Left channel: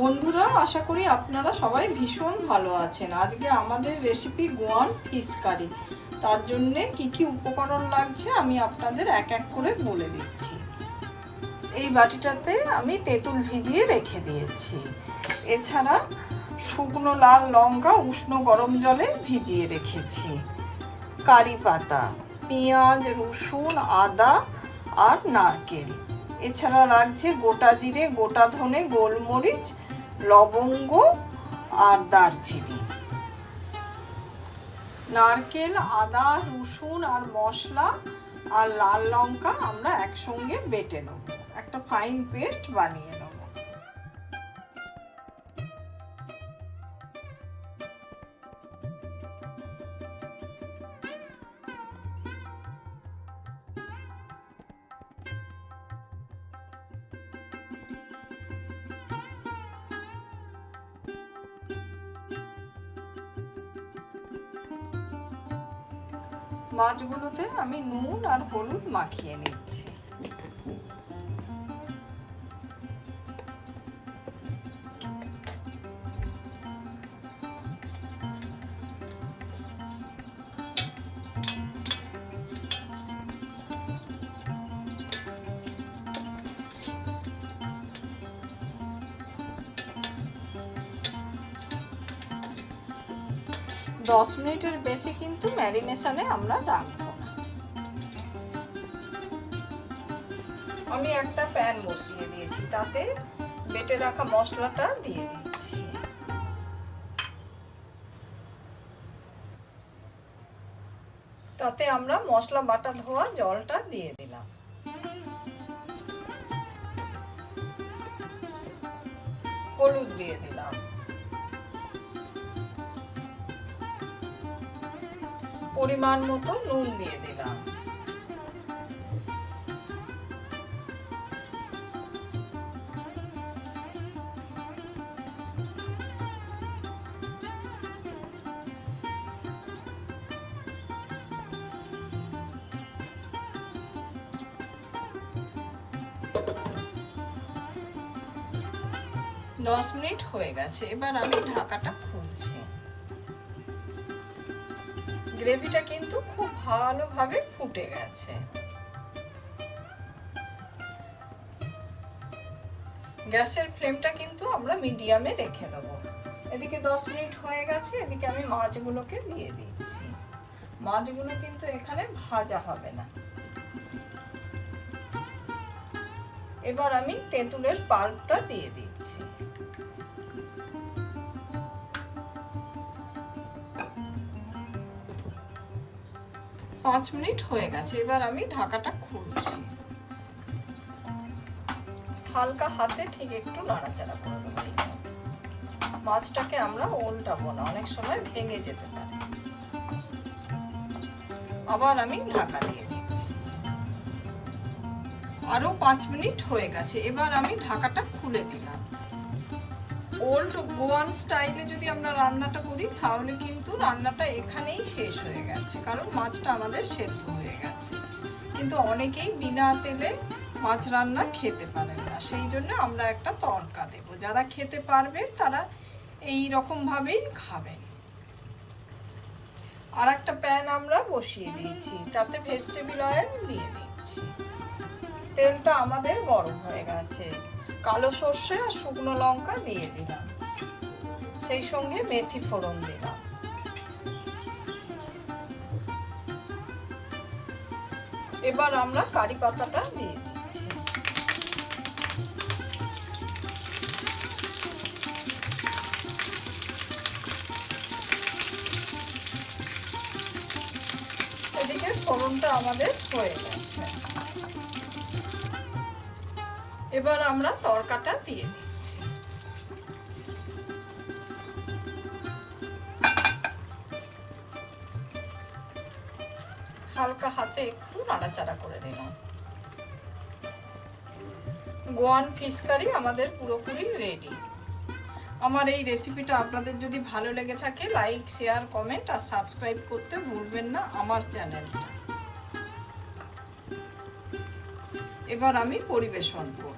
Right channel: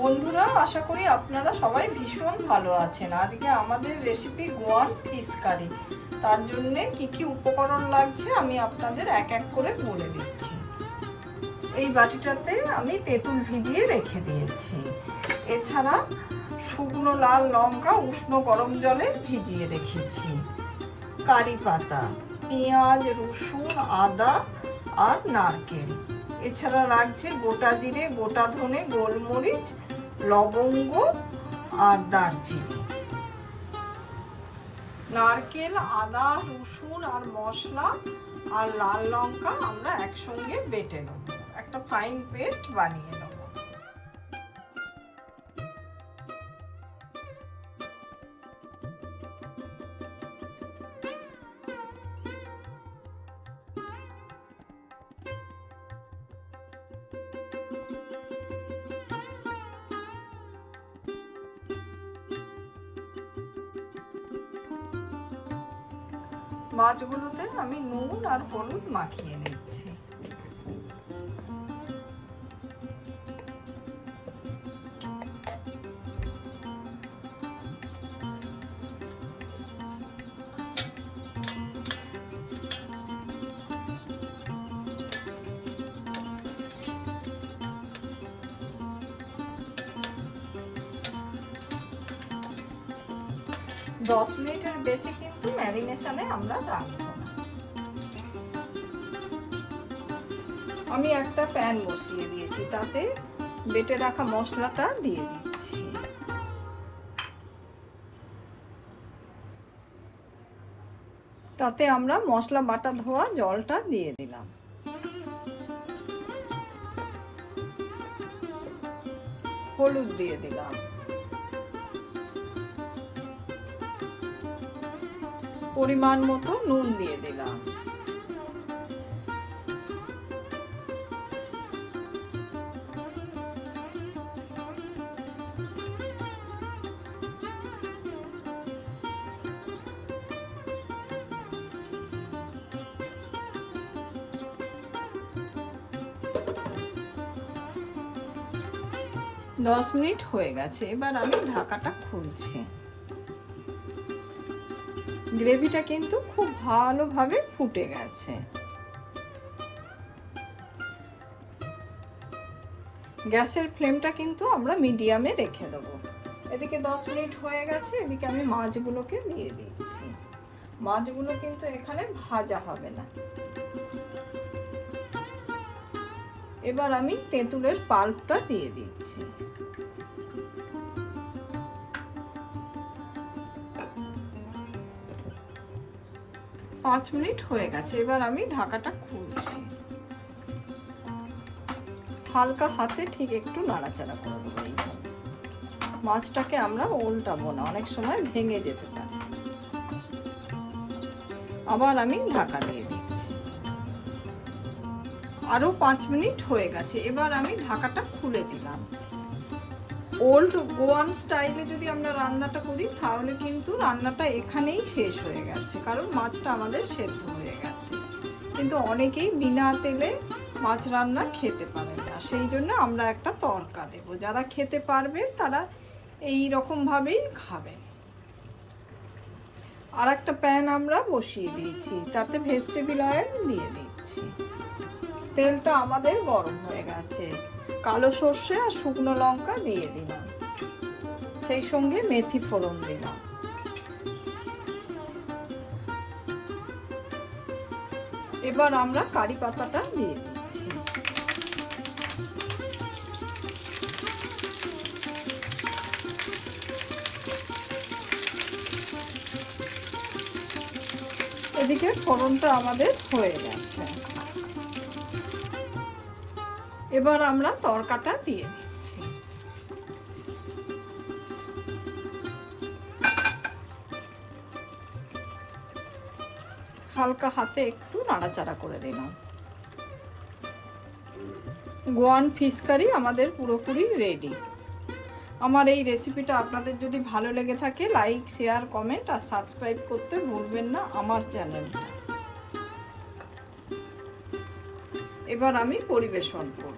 বন্ধুরা, আশা করি আপনারা সবাই ভীষণ ভালো আছেন। আজকে আমাদের রেসিপি গোয়ান ফিশ কারি। তার জন্য কি কি উপকরণ লাগছে আমি আপনাদের এক এক করে বলে দিচ্ছি। এই বাটিটাতে আমি তেঁতুল ভিজিয়ে রেখে দিয়েছি। এছাড়া শুকনো লাল লঙ্কা উষ্ণ গরম জলে ভিজিয়ে রেখেছি। কারি পাতা, পেঁয়াজ, রসুন, আদা আর নারকেল। এছাড়া লাগছে গোটা জিরে, গোটা ধনে, গোলমরিচ, লবঙ্গ আর দারচিনি। নারকেল, আদা, রসুন আর মশলা আর লাল লঙ্কা আমরা একসঙ্গে বেটে নেব, একটা ফাইন পেস্ট বানিয়ে নেব। মাছগুলোতে আমি নুন আর হলুদ মাখিয়ে নিচ্ছি। দশ মিনিটের বেশি কিন্তু ম্যারিনেশনে আমরা রাখবো না। আমি একটা প্যান বসিয়ে দিয়েছি, তাতে বেটে রাখা মশলাটা দিয়ে দিচ্ছি। তাতে আমরা মশলা বাটা ধোয়া জলটা দিয়ে দিলাম। হলুদ দিয়ে দিলাম। পরিমাণ মতো নুন দিয়ে দিলাম। দশ মিনিট হয়ে গেছে, এবার আমি ঢাকাটা খুলছি। গ্রেভিটা কিন্তু খুব ভালোভাবে ফুটে গেছে। গ্যাসের ফ্লেমটা কিন্তু আমরা মিডিয়ামে রেখে দেবো। এদিকে 10 মিনিট হয়ে গেছে, এদিকে আমি মাছগুলোকে দিয়ে দিচ্ছি। মাছগুলো কিন্তু এখানে ভাজা হবে না। এবার আমি তেঁতুলের পাল্পটা দিয়ে দিচ্ছি। পাঁচ মিনিট হয়ে গেছে, এবার আমি ঢাকাটা খুলছি। হালকা হাতে ঠিক একটু নাড়াচাড়া করে দেব। মাছটাকে আমরা উল্টাবো না, অনেক সময় ভেঙে যেতে পারে। আবার আমি ঢাকা দিয়ে দিচ্ছি। আরো 5 মিনিট হয়ে গেছে, এবার আমি ঢাকাটা খুলে দিলাম। ওল্ড গোয়ান স্টাইলে যদি আমরা রান্নাটা করি তাহলে কিন্তু রান্নাটা এখানেই শেষ হয়ে গেছে, কারণ মাছটা আমাদের সেদ্ধ হয়ে গেছে। কিন্তু অনেকেই বিনা তেলে মাছ রান্না খেতে পারেন না, সেই জন্য আমরা একটা তড়কা দেব। যারা খেতে পারবে তারা এই রকম ভাবেই খাবেন। আর একটা প্যান আমরা বসিয়ে দিয়েছি, তাতে ভেজিটেবল অয়েল দিয়ে দিচ্ছি। তেলটা আমাদের গরম হয়ে গেছে। কালো সর্ষে আর শুকনো লঙ্কা দিয়ে দিলাম, সেই সঙ্গে মেথি ফোড়ন দিলাম। এবার আমরা কারি পাতাটা দিয়ে দিচ্ছি। এদিকে ফোড়নটা আমাদের হয়ে গেছে। এবার আমরা তড়কাটা দিয়ে দিচ্ছি। হালকা হাতে একটু নাড়াচাড়া করে দিলাম। গোয়ান ফিশ কারি আমাদের পুরোপুরি রেডি। আমার এই রেসিপিটা আপনাদের যদি ভালো লেগে থাকে, লাইক, শেয়ার, কমেন্ট আর সাবস্ক্রাইব করতে ভুলবেন না আমার চ্যানেলটা। এবার আমি পরিবেশন করব।